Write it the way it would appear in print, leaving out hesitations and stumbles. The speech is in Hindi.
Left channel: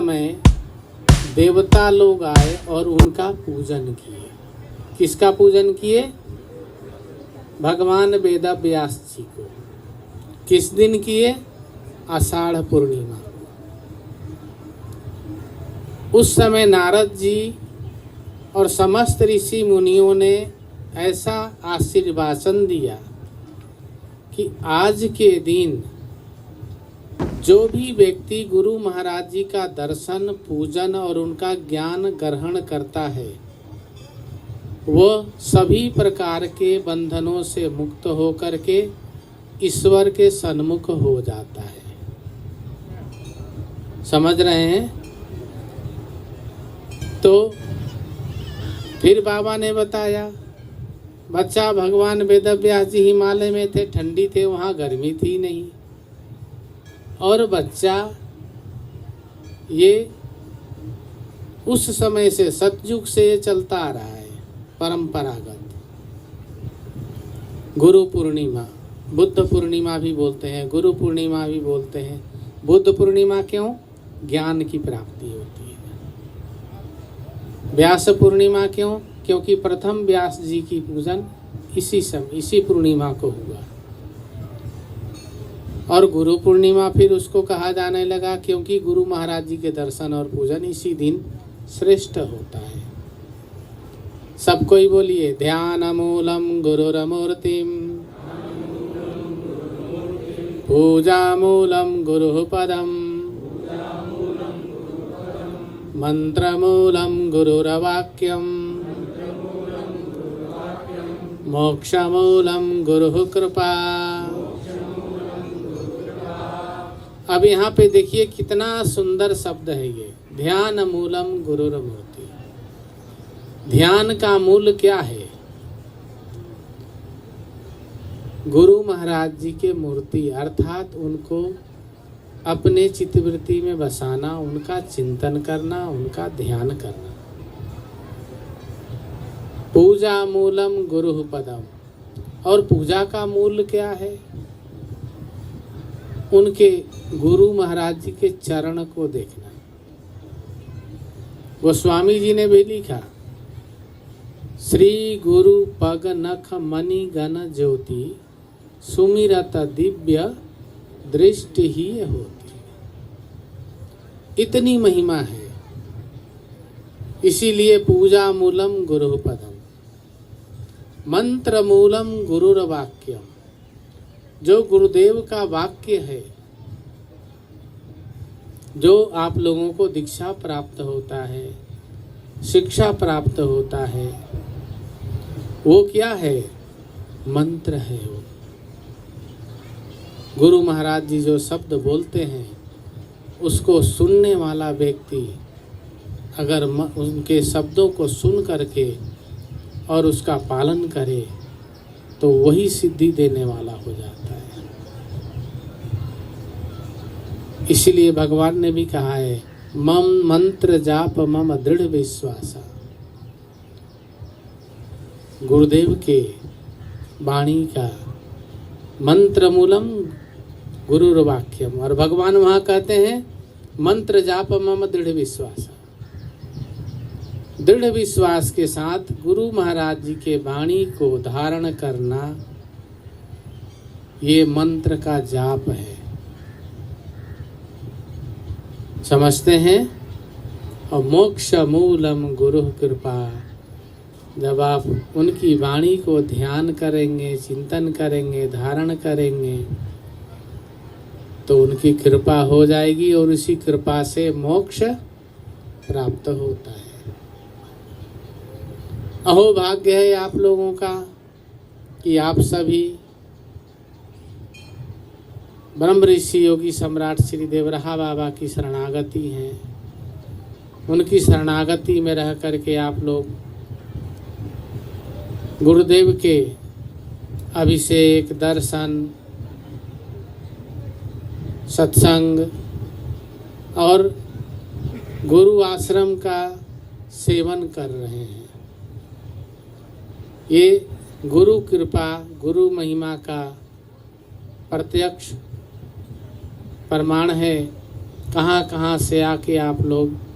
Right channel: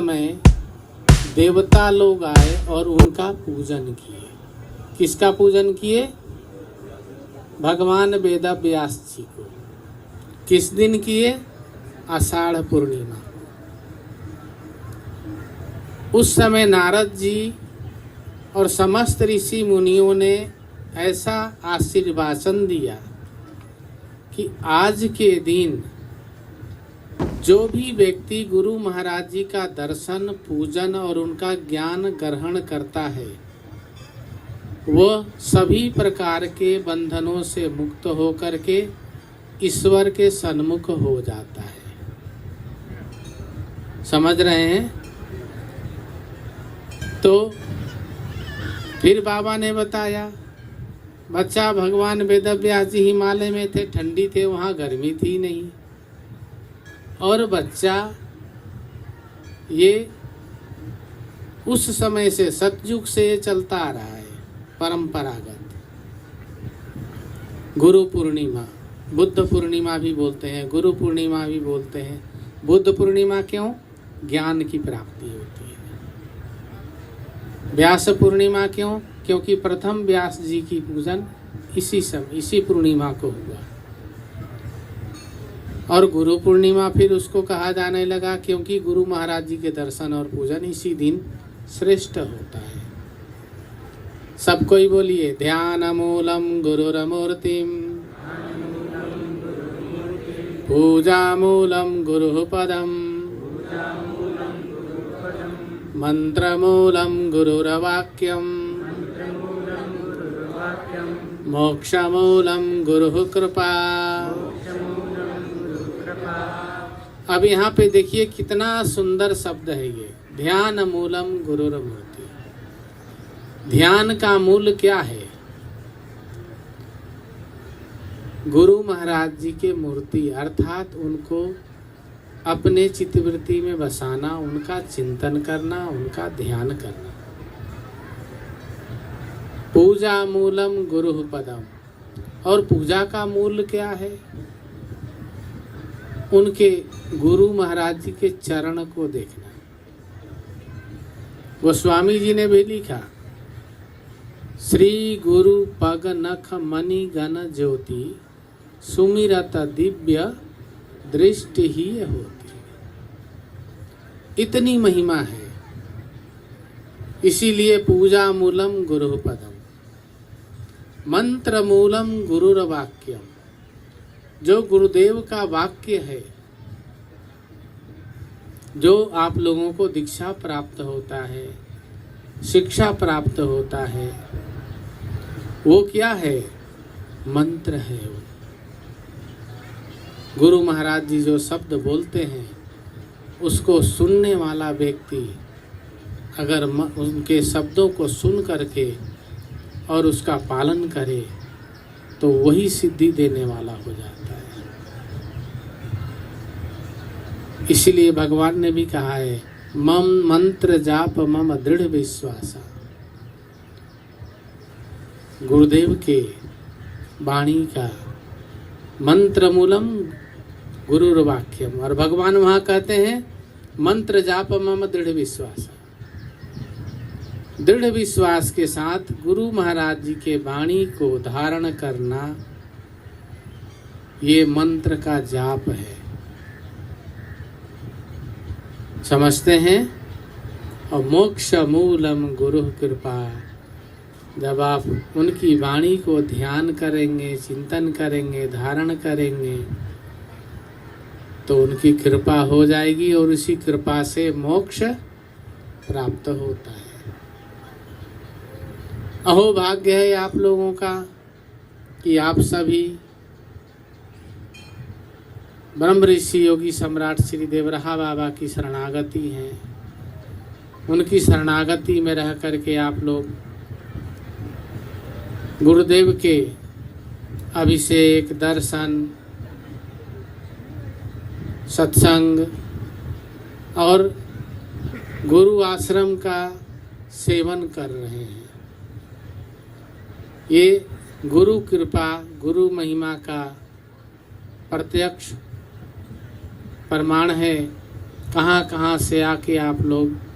समय देवता लोग आए और उनका पूजन किए। किसका पूजन किए? भगवान वेद व्यास जी को। किस दिन किए? आषाढ़ पूर्णिमा। उस समय नारद जी और समस्त ऋषि मुनियों ने ऐसा आशीर्वाचन दिया कि आज के दिन जो भी व्यक्ति गुरु महाराज जी का दर्शन, पूजन और उनका ज्ञान ग्रहण करता है वह सभी प्रकार के बंधनों से मुक्त होकर के ईश्वर के सन्मुख हो जाता है। समझ रहे हैं? तो फिर बाबा ने बताया, बच्चा भगवान वेदव्यास जी हिमालय में थे, ठंडी थे, वहाँ गर्मी थी नहीं, और बच्चा ये उस समय से सतयुग से ये चलता आ रहा है परंपरागत। गुरु पूर्णिमा, बुद्ध पूर्णिमा भी बोलते हैं, गुरु पूर्णिमा भी बोलते हैं। बुद्ध पूर्णिमा क्यों? ज्ञान की प्राप्ति होती है। व्यास पूर्णिमा क्यों? क्योंकि प्रथम व्यास जी की पूजन इसी पूर्णिमा को हुआ। और गुरु पूर्णिमा फिर उसको कहा जाने लगा क्योंकि गुरु महाराज जी के दर्शन और पूजन इसी दिन श्रेष्ठ होता है। सब कोई बोलिए, ध्यान मूलम गुरुरमूर्तिम, पूजा मूलम गुरु पदम, मंत्र मूलम गुरुरवाक्यम, मोक्ष मूलम गुरु कृपा। अब यहाँ पे देखिए कितना सुंदर शब्द है ये, ध्यान मूलम गुरुरमूर्ति। ध्यान का मूल क्या है? गुरु महाराज जी के मूर्ति, अर्थात उनको अपने चित्तवृत्ति में बसाना, उनका चिंतन करना, उनका ध्यान करना। पूजा मूलम गुरु पदम। और पूजा का मूल क्या है? उनके गुरु महाराज जी के चरण को देखना। गोस्वामी जी ने भी लिखा, श्री गुरु पग नख मणि गण ज्योति, सुमिरत दिव्य दृष्टि ही होती। इतनी महिमा है। इसीलिए पूजा मूलम गुरु पदम, मंत्र मूलम गुरुर वाक्यम। जो गुरुदेव का वाक्य है, जो आप लोगों को दीक्षा प्राप्त होता है, शिक्षा प्राप्त होता है, वो क्या है? मंत्र है। वो गुरु महाराज जी जो शब्द बोलते हैं उसको सुनने वाला व्यक्ति अगर उनके शब्दों को सुन करके और उसका पालन करे तो वही सिद्धि देने वाला हो जाता है। इसलिए भगवान ने भी कहा है, मम मंत्र जाप मम दृढ़ विश्वास। गुरुदेव के वाणी का मंत्र मूलम गुरुर वाक्यम। और भगवान वहां कहते हैं, मंत्र जाप मम दृढ़ विश्वास। दृढ़ विश्वास के साथ गुरु महाराज जी के वाणी को धारण करना, ये मंत्र का जाप है। समझते हैं? और मोक्ष मूलम गुरु कृपा। जब आप उनकी वाणी को ध्यान करेंगे, चिंतन करेंगे, धारण करेंगे तो उनकी कृपा हो जाएगी और उसी कृपा से मोक्ष प्राप्त होता है। अहो भाग्य है आप लोगों का कि आप सभी ब्रह्म ऋषि योगी सम्राट श्री देवरहा बाबा की शरणागति है। उनकी शरणागति में रह करके आप लोग गुरुदेव के अभिषेक, दर्शन, सत्संग और गुरु आश्रम का सेवन कर रहे हैं। ये गुरु कृपा, गुरु महिमा का प्रत्यक्ष प्रमाण है कहाँ कहाँ से आके आप लोग